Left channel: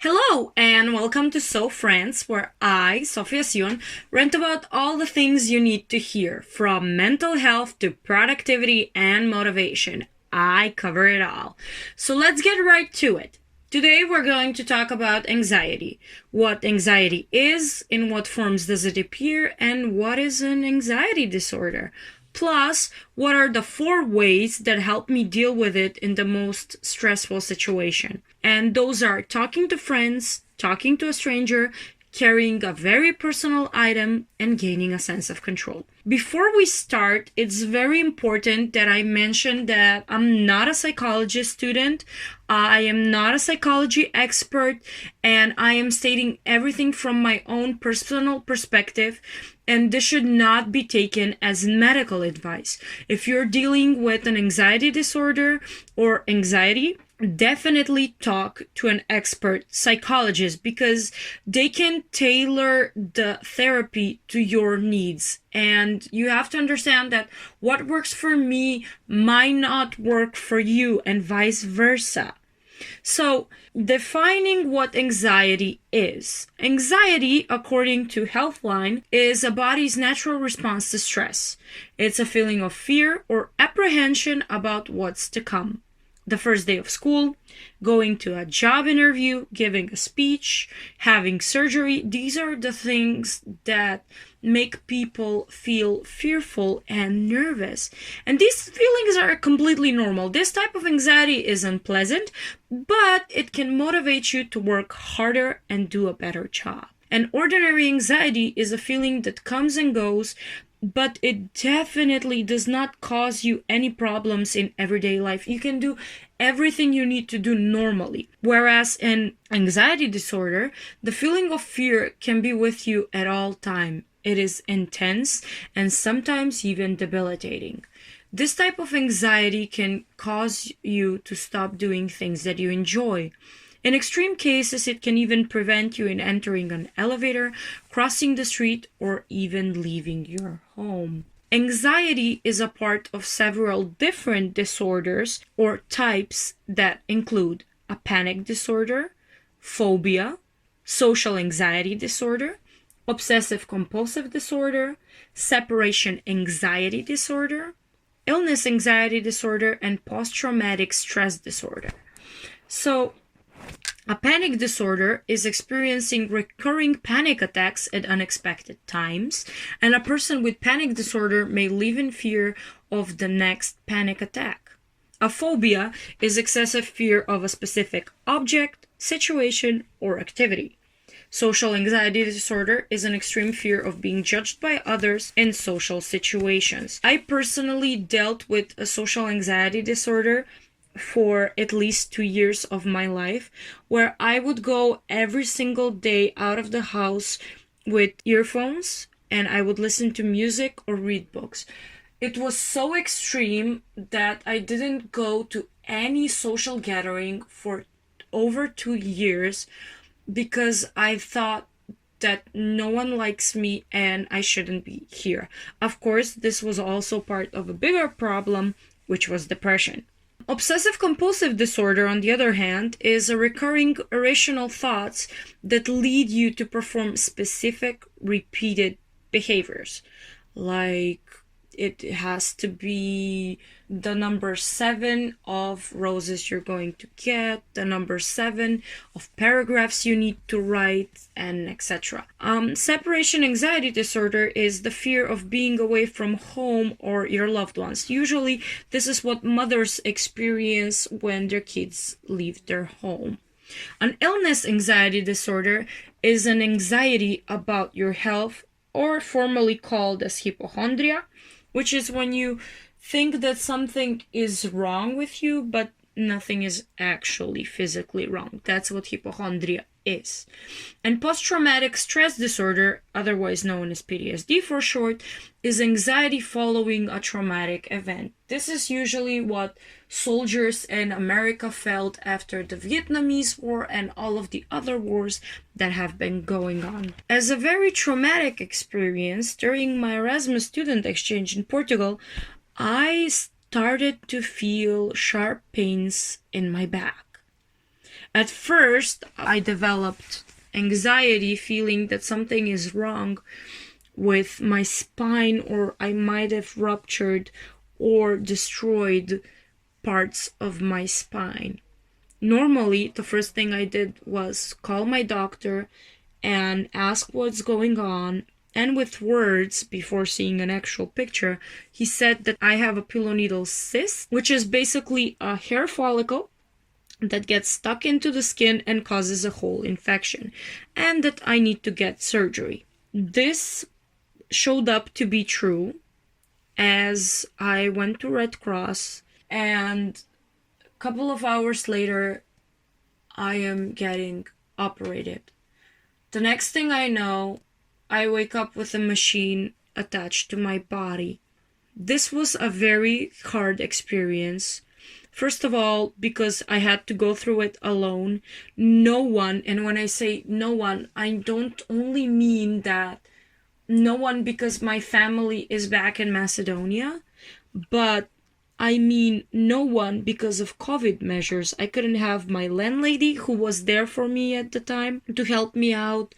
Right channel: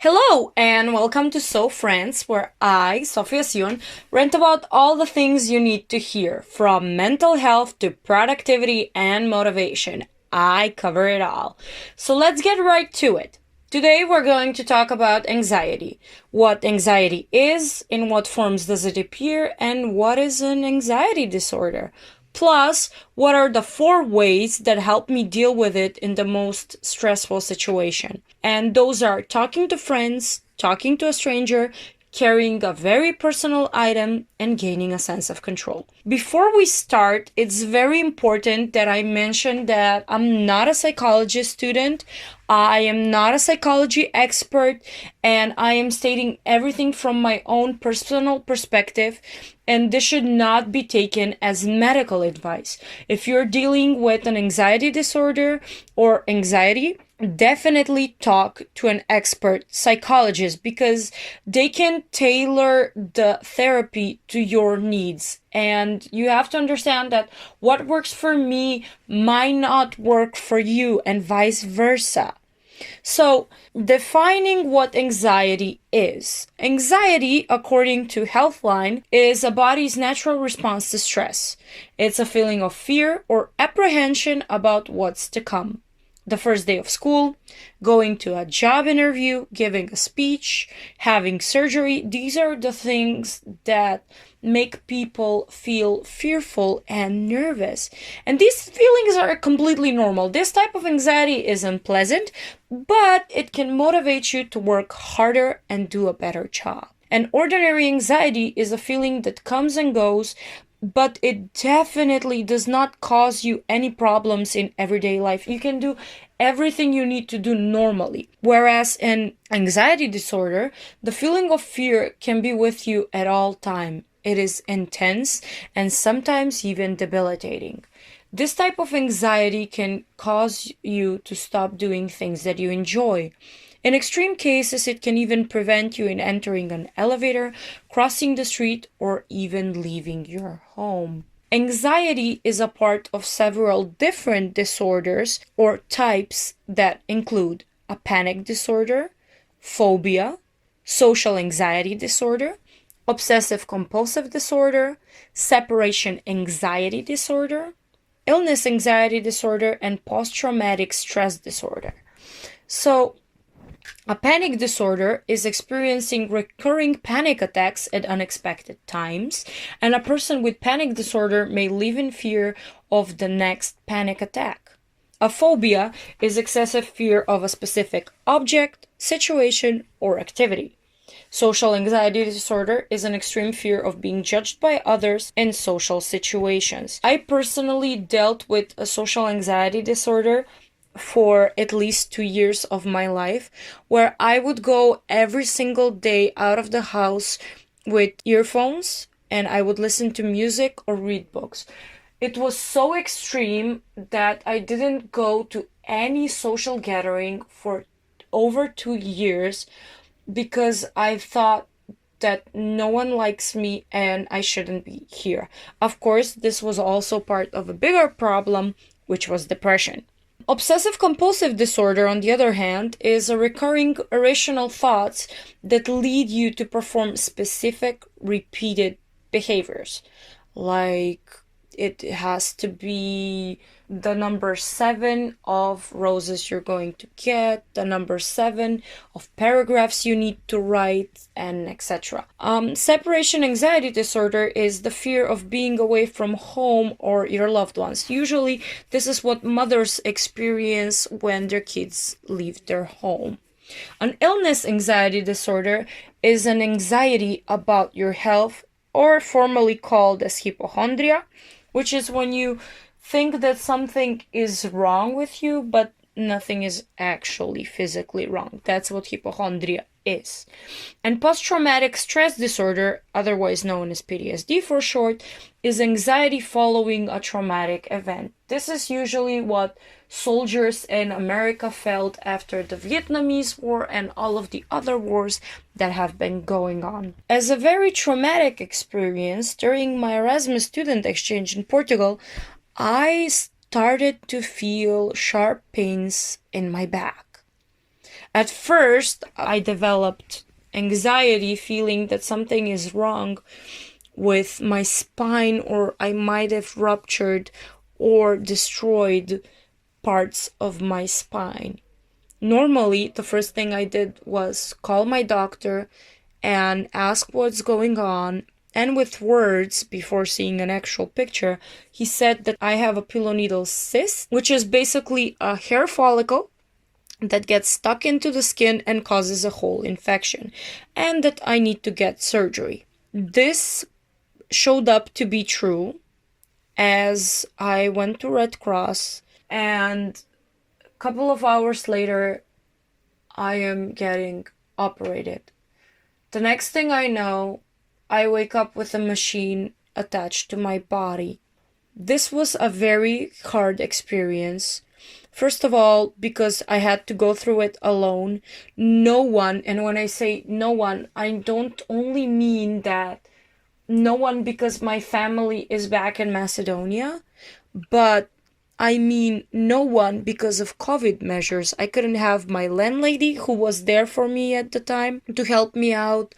Hello and welcome to Soph Rants, where I, Sofija Sion, rant about all the things you need to hear, from mental health to productivity and motivation. I cover it all. So let's get right to it. Today we're going to talk about anxiety. What anxiety is, in what forms does it appear, and what is an anxiety disorder. Plus, what are the 4 ways that help me deal with it in the most stressful situation? And those are talking to friends, talking to a stranger, carrying a very personal item, and gaining a sense of control. Before we start, it's very important that I mention that I'm not a psychology student. I am not a psychology expert, and I am stating everything from my own personal perspective, and this should not be taken as medical advice. If you're dealing with an anxiety disorder or anxiety, definitely talk to an expert psychologist because they can tailor the therapy to your needs. And you have to understand that what works for me might not work for you, and vice versa. So, defining what anxiety is. Anxiety, according to Healthline, is a body's natural response to stress. It's a feeling of fear or apprehension about what's to come. The first day of school, going to a job interview, giving a speech, having surgery, these are the things that make people feel fearful and nervous. And these feelings are completely normal. This type of anxiety is unpleasant, but it can motivate you to work harder and do a better job. And ordinary anxiety is a feeling that comes and goes, but it definitely does not cause you any problems in everyday life. You can do everything you need to do normally. Whereas in anxiety disorder, the feeling of fear can be with you at all time. It is intense and sometimes even debilitating. This type of anxiety can cause you to stop doing things that you enjoy. In extreme cases, it can even prevent you in entering an elevator, crossing the street, or even leaving your home. Anxiety is a part of several different disorders or types that include a panic disorder, phobia, social anxiety disorder, obsessive compulsive disorder, separation anxiety disorder, illness anxiety disorder, and post-traumatic stress disorder. So, a panic disorder is experiencing recurring panic attacks at unexpected times, and a person with panic disorder may live in fear of the next panic attack. A phobia is excessive fear of a specific object, situation, or activity. Social anxiety disorder is an extreme fear of being judged by others in social situations. I personally dealt with a social anxiety disorder for at least 2 years of my life, where I would go every single day out of the house with earphones and I would listen to music or read books. It was so extreme that I didn't go to any social gathering for over 2 years because I thought that no one likes me and I shouldn't be here. Of course, this was also part of a bigger problem, which was depression. Obsessive compulsive disorder, on the other hand, is a recurring irrational thoughts that lead you to perform specific repeated behaviors. Like it has to be the number 7 of roses you're going to get, the number 7 of paragraphs you need to write, and etc. Separation anxiety disorder is the fear of being away from home or your loved ones. Usually, this is what mothers experience when their kids leave their home. An illness anxiety disorder is an anxiety about your health, or formerly called as hypochondria, which is when you think that something is wrong with you, but nothing is actually physically wrong. That's what hypochondria is. And post-traumatic stress disorder, otherwise known as PTSD for short, is anxiety following a traumatic event. This is usually what soldiers in America felt after the Vietnamese War and all of the other wars that have been going on. As a very traumatic experience, during my Erasmus student exchange in Portugal, I started to feel sharp pains in my back. At first, I developed anxiety, feeling that something is wrong with my spine, or I might have ruptured or destroyed parts of my spine. Normally, the first thing I did was call my doctor and ask what's going on. And with words, before seeing an actual picture, he said that I have a pilloneedle cyst, which is basically a hair follicle that gets stuck into the skin and causes a whole infection, and that I need to get surgery. This showed up to be true, as I went to Red Cross, and a couple of hours later, I am getting operated. The next thing I know, I wake up with a machine attached to my body. This was a very hard experience. First of all, because I had to go through it alone. No one, and when I say no one, I don't only mean that no one because my family is back in Macedonia, but I mean no one because of COVID measures. I couldn't have my landlady, who was there for me at the time, to help me out.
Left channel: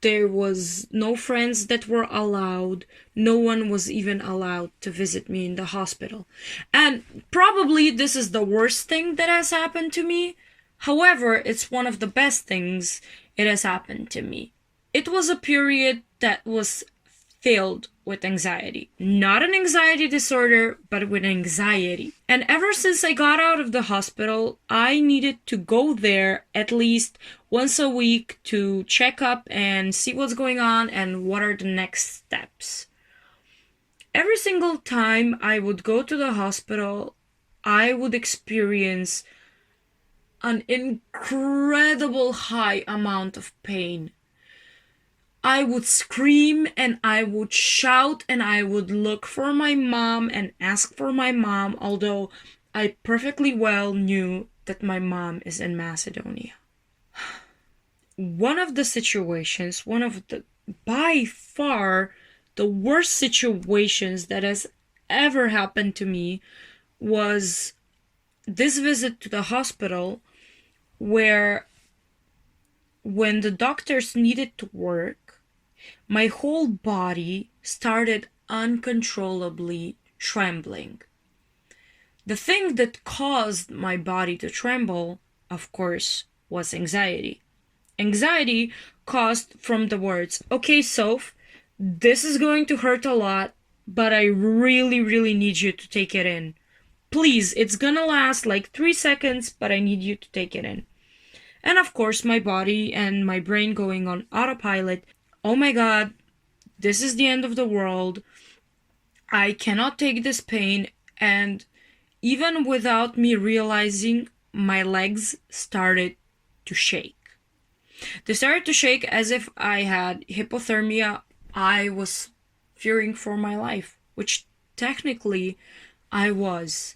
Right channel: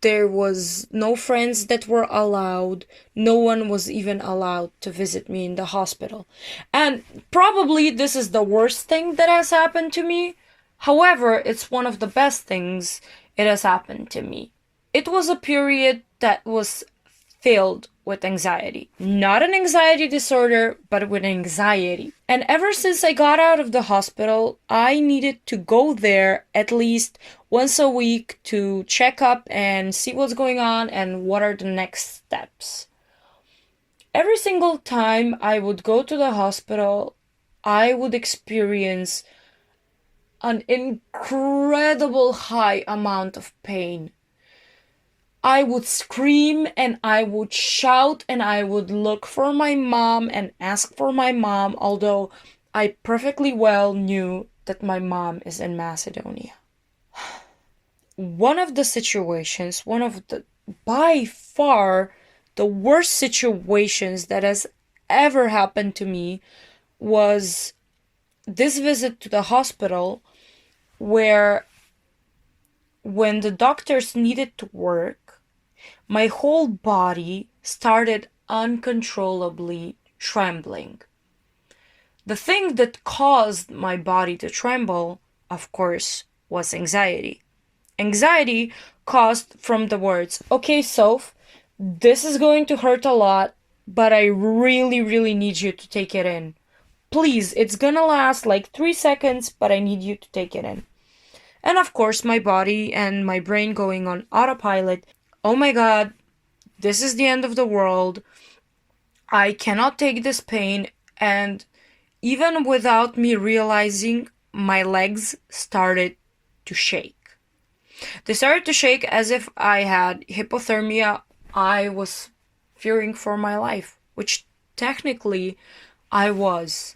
There was no friends that were allowed. No one was even allowed to visit me in the hospital. And probably this is the worst thing that has happened to me. However, it's one of the best things it has happened to me. It was a period that was filled with anxiety. Not an anxiety disorder, but with anxiety. And ever since I got out of the hospital, I needed to go there at least once a week to check up and see what's going on and what are the next steps. Every single time I would go to the hospital, I would experience an incredible high amount of pain. I would scream and I would shout and I would look for my mom and ask for my mom, although I perfectly well knew that my mom is in Macedonia. One of the by far the worst situations that has ever happened to me was this visit to the hospital, where when the doctors needed to work, my whole body started uncontrollably trembling. The thing that caused my body to tremble, of course, was anxiety. Anxiety caused from the words, okay, Soph, this is going to hurt a lot, but I really, really need you to take it in. Please, it's gonna last like 3 seconds, but I need you to take it in. And of course, my body and my brain going on autopilot. Oh my God, this is the end of the world. I cannot take this pain. And even without me realizing, my legs started to shake. They started to shake as if I had hypothermia. I was fearing for my life, which technically I was.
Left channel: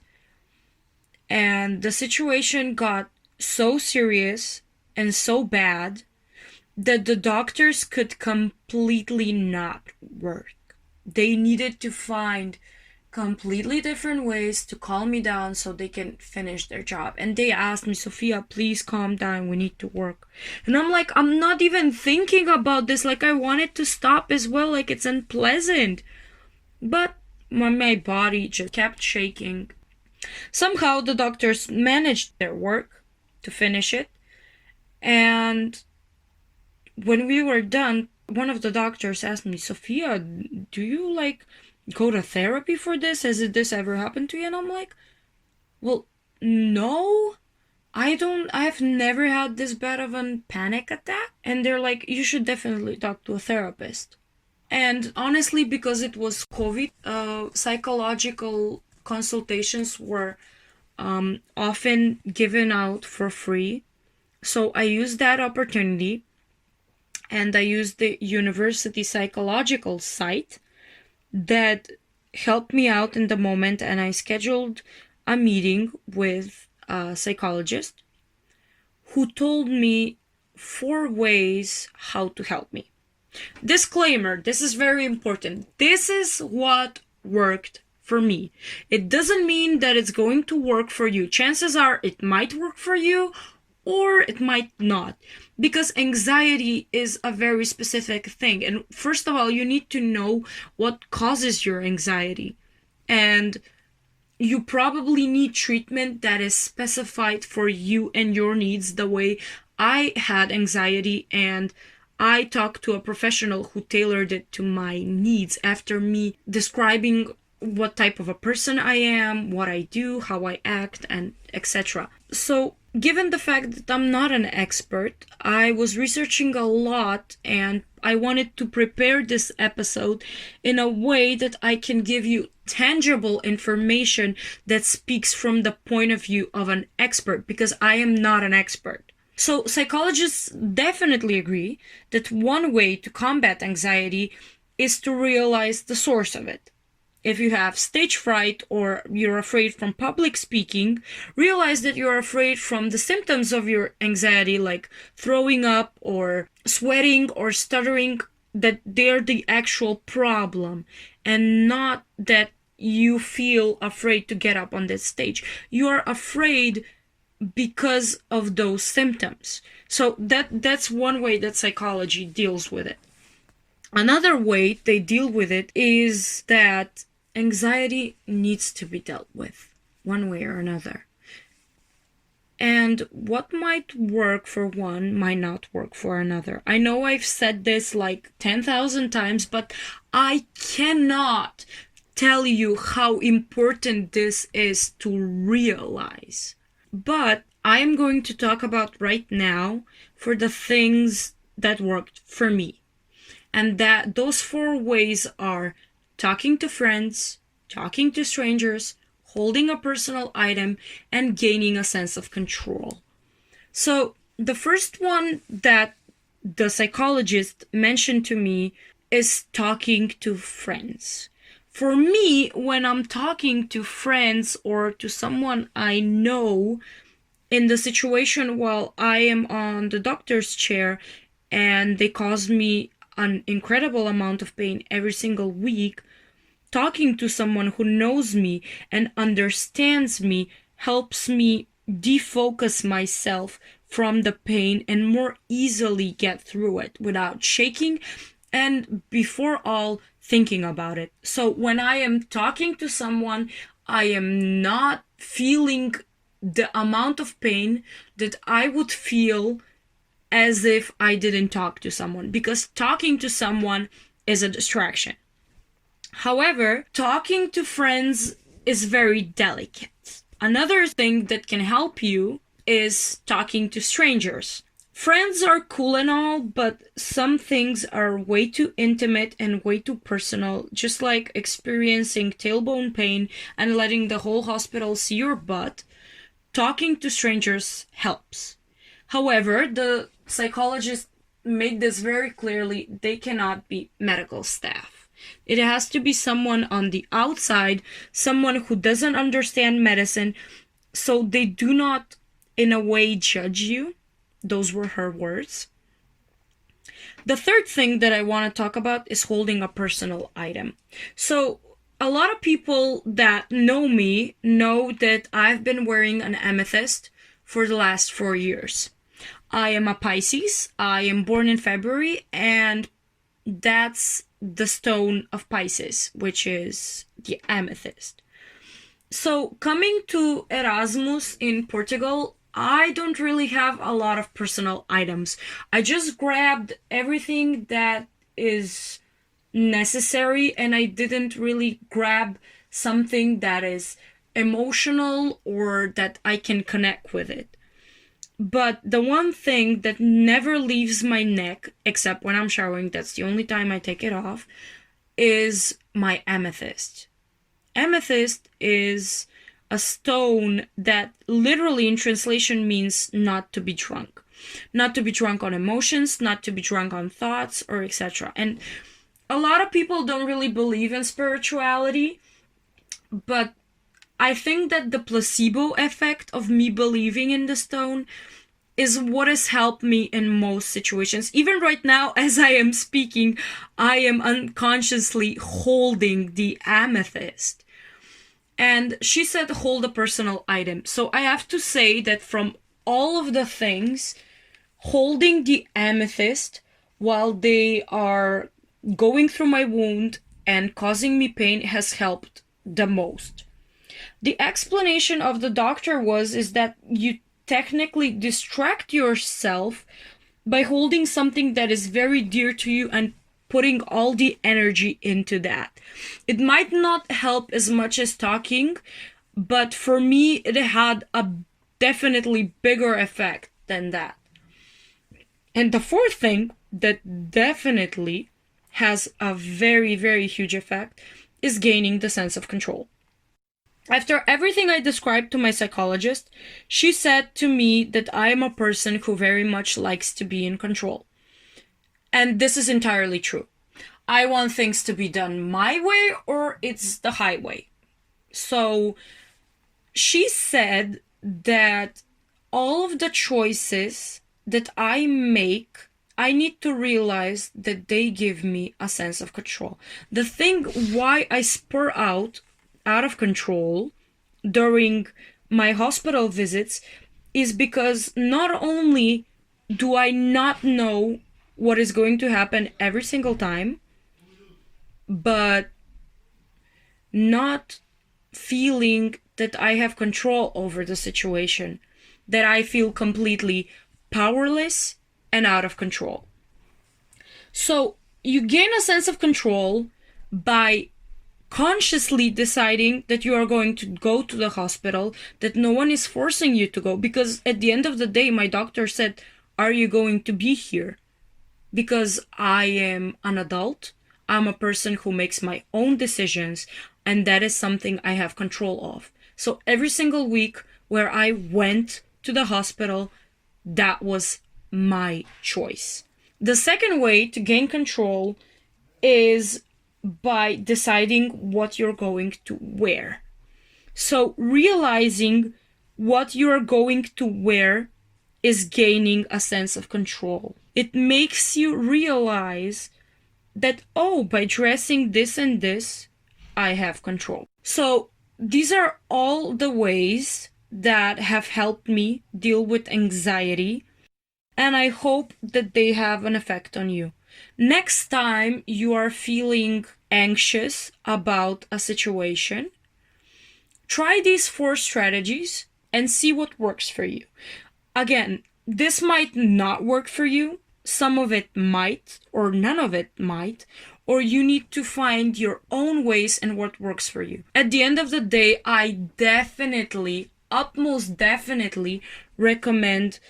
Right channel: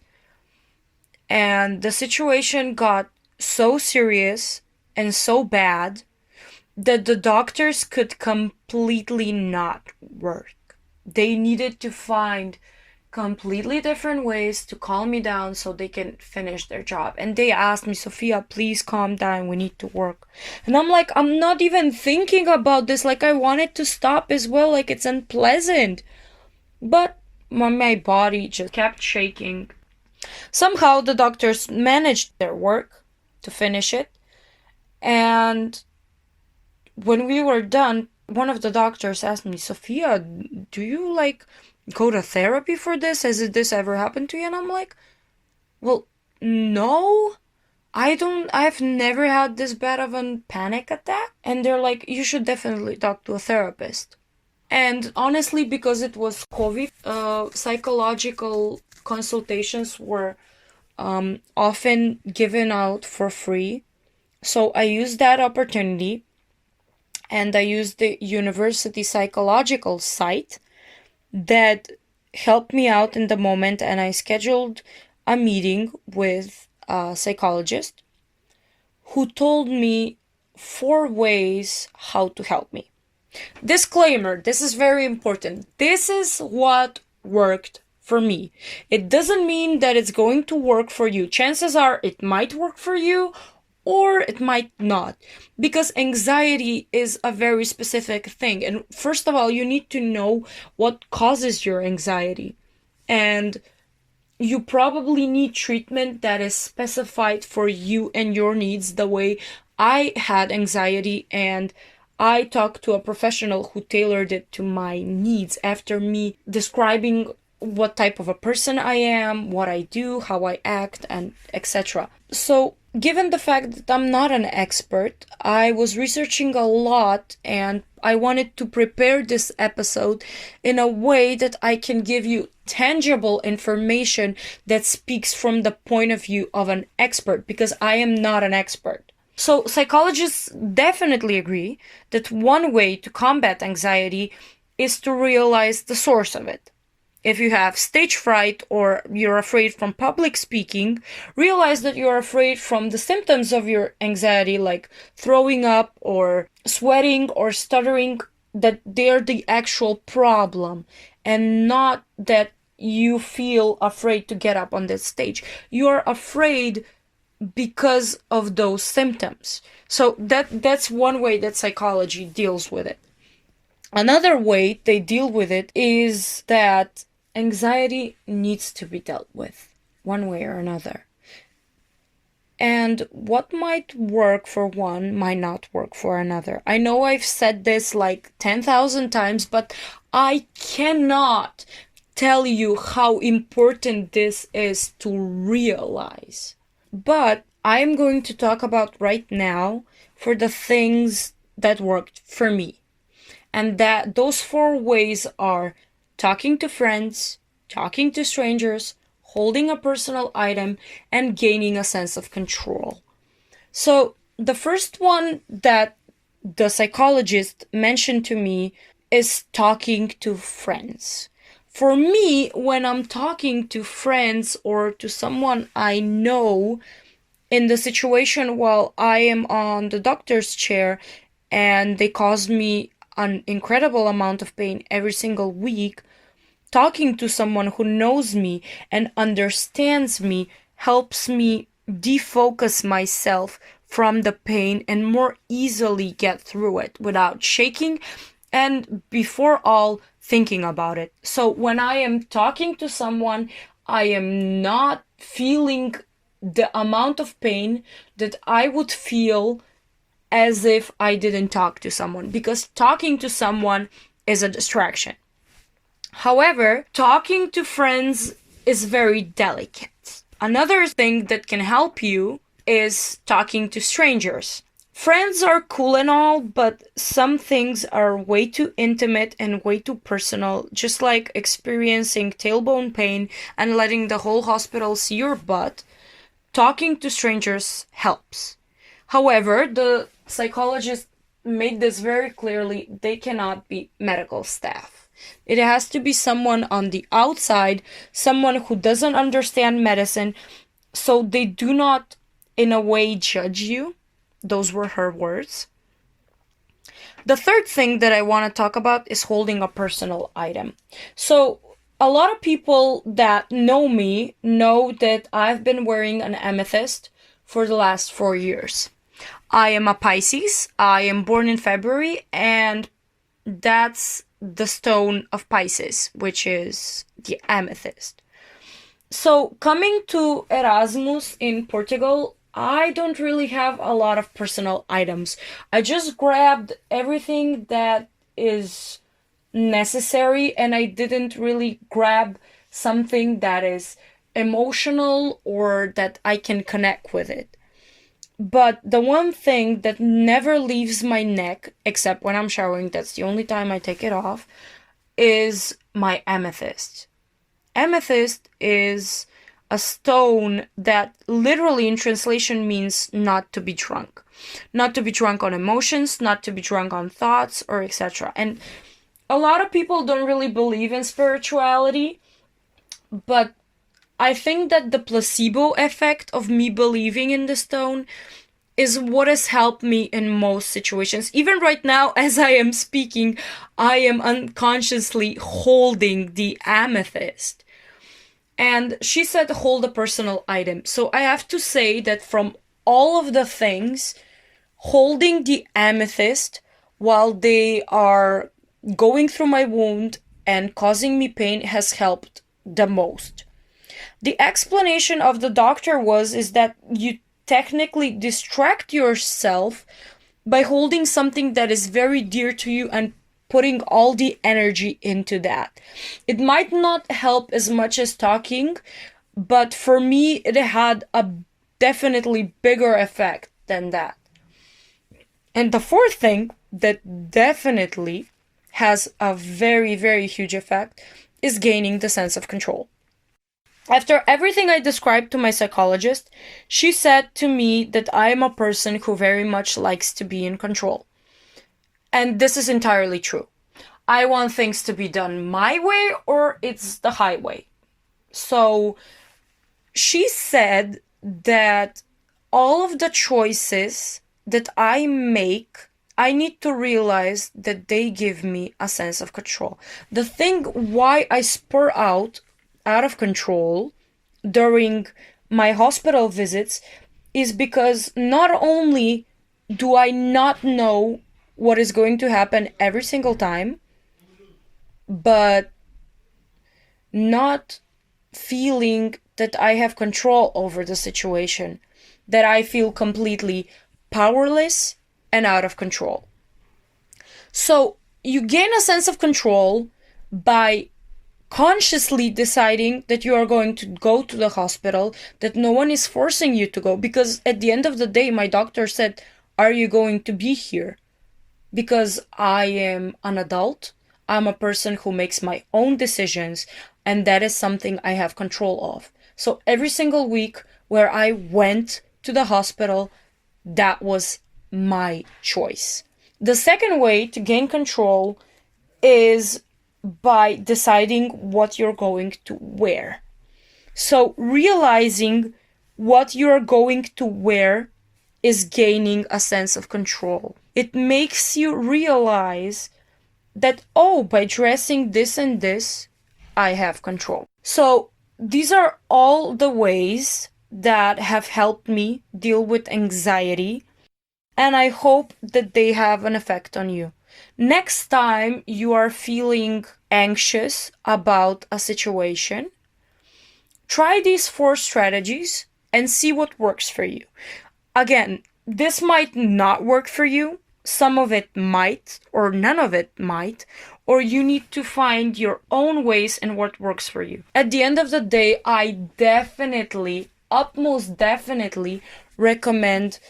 And the situation got so serious and so bad that the doctors could completely not work. They needed to find completely different ways to calm me down so they can finish their job. And they asked me, Sofia, please calm down, we need to work. And I'm like, I'm not even thinking about this. Like, I want it to stop as well. Like, it's unpleasant. But my body just kept shaking. Somehow the doctors managed their work to finish it. And when we were done, one of the doctors asked me, Sofia, do you go to therapy for this? Has this ever happened to you? And I'm like, well, no, I've never had this bad of a panic attack. And they're like, you should definitely talk to a therapist. And honestly, because it was COVID, psychological consultations were often given out for free. So I used that opportunity, and I used the university psychological site that helped me out in the moment, and I scheduled a meeting with a psychologist who told me 4 ways how to help me. Disclaimer, this is very important. This is what worked for me. It doesn't mean that it's going to work for you. Chances are it might work for you, or it might not, because anxiety is a very specific thing. And first of all, you need to know what causes your anxiety. And you probably need treatment that is specified for you and your needs, the way I had anxiety, and I talked to a professional who tailored it to my needs after me describing what type of a person I am, what I do, how I act, and etc. So, given the fact that I'm not an expert, I was researching a lot, and I wanted to prepare this episode in a way that I can give you tangible information that speaks from the point of view of an expert, because I am not an expert. So psychologists definitely agree that one way to combat anxiety is to realize the source of it. If you have stage fright or you're afraid from public speaking, realize that you're afraid from the symptoms of your anxiety, like throwing up or sweating or stuttering, that they're the actual problem, and not that you feel afraid to get up on that stage. You're afraid because of those symptoms. So that's one way that psychology deals with it. Another way they deal with it is that anxiety needs to be dealt with one way or another. And what might work for one might not work for another. I know I've said this like 10,000 times, but I cannot tell you how important this is to realize. But I'm going to talk about right now for the things that worked for me. And that those 4 ways are talking to friends, talking to strangers, holding a personal item, and gaining a sense of control. So the first one that the psychologist mentioned to me is talking to friends. For me, when I'm talking to friends or to someone I know in the situation while I am on the doctor's chair and they cause me an incredible amount of pain every single week, talking to someone who knows me and understands me helps me defocus myself from the pain and more easily get through it without shaking and before all thinking about it. So when I am talking to someone, I am not feeling the amount of pain that I would feel as if I didn't talk to someone, because talking to someone is a distraction. However, talking to friends is very delicate. Another thing that can help you is talking to strangers. Friends are cool and all, but some things are way too intimate and way too personal, just like experiencing tailbone pain and letting the whole hospital see your butt. Talking to strangers helps. However, the psychologist made this very clearly: they cannot be medical staff. It has to be someone on the outside, someone who doesn't understand medicine, so they do not, in a way, judge you. Those were her words. The third thing that I want to talk about is holding a personal item. So a lot of people that know me know that I've been wearing an amethyst for the last 4 years. I am a Pisces. I am born in February, and that's the stone of Pisces, which is the amethyst. So coming to Erasmus in Portugal, I don't really have a lot of personal items. I just grabbed everything that is necessary, and I didn't really grab something that is emotional or that I can connect with it. But the one thing that never leaves my neck, except when I'm showering, that's the only time I take it off, is my amethyst. Amethyst is a stone that literally in translation means not to be drunk. Not to be drunk on emotions, not to be drunk on thoughts, or etc. And a lot of people don't really believe in spirituality, but I think that the placebo effect of me believing in the stone is what has helped me in most situations. Even right now, as I am speaking, I am unconsciously holding the amethyst. And she said hold a personal item. So I have to say that from all of the things, holding the amethyst while they are going through my wound and causing me pain has helped the most. The explanation of the doctor is that you technically distract yourself by holding something that is very dear to you and putting all the energy into that. It might not help as much as talking, but for me, it had a definitely bigger effect than that. And the fourth thing that definitely has a very, very huge effect is gaining the sense of control. After everything I described to my psychologist, she said to me that I am a person who very much likes to be in control. And this is entirely true. I want things to be done my way or it's the highway. So she said that all of the choices that I make, I need to realize that they give me a sense of control. The thing why I spur out of control during my hospital visits is because not only do I not know what is going to happen every single time, but not feeling that I have control over the situation, that I feel completely powerless and out of control. So you gain a sense of control by consciously deciding that you are going to go to the hospital, that no one is forcing you to go. Because at the end of the day, my doctor said, are you going to be here? Because I am an adult, I'm a person who makes my own decisions, and that is something I have control of. So every single week where I went to the hospital, that was my choice. The second way to gain control is by deciding what you're going to wear. So realizing what you're going to wear is gaining a sense of control. It makes you realize that, oh, by dressing this and this, I have control. So these are all the ways that have helped me deal with anxiety, and I hope that they have an effect on you. Next time you are feeling anxious about a situation, try these 4 strategies and see what works for you. Again, this might not work for you. Some of it might, or none of it might, or you need to find your own ways and what works for you. At the end of the day, I utmost definitely recommend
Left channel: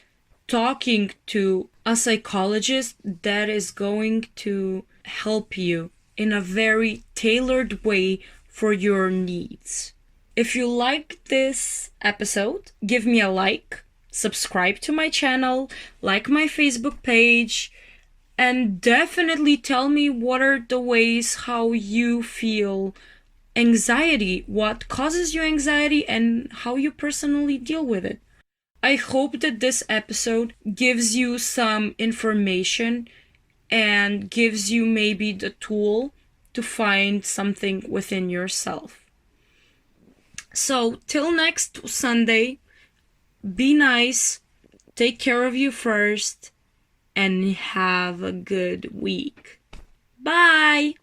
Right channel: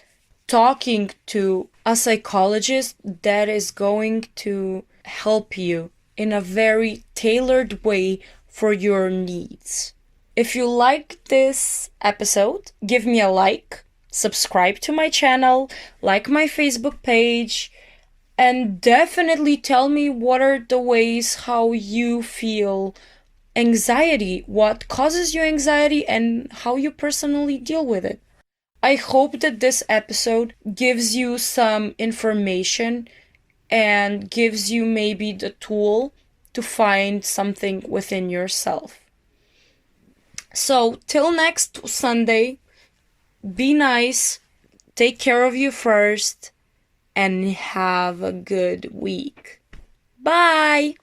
talking to a psychologist that is going to help you in a very tailored way for your needs. If you like this episode, give me a like, subscribe to my channel, like my Facebook page, and definitely tell me what are the ways how you feel anxiety, what causes you anxiety, and how you personally deal with it. I hope that this episode gives you some information and gives you maybe the tool to find something within yourself. So, till next Sunday, be nice, take care of you first, and have a good week. Bye!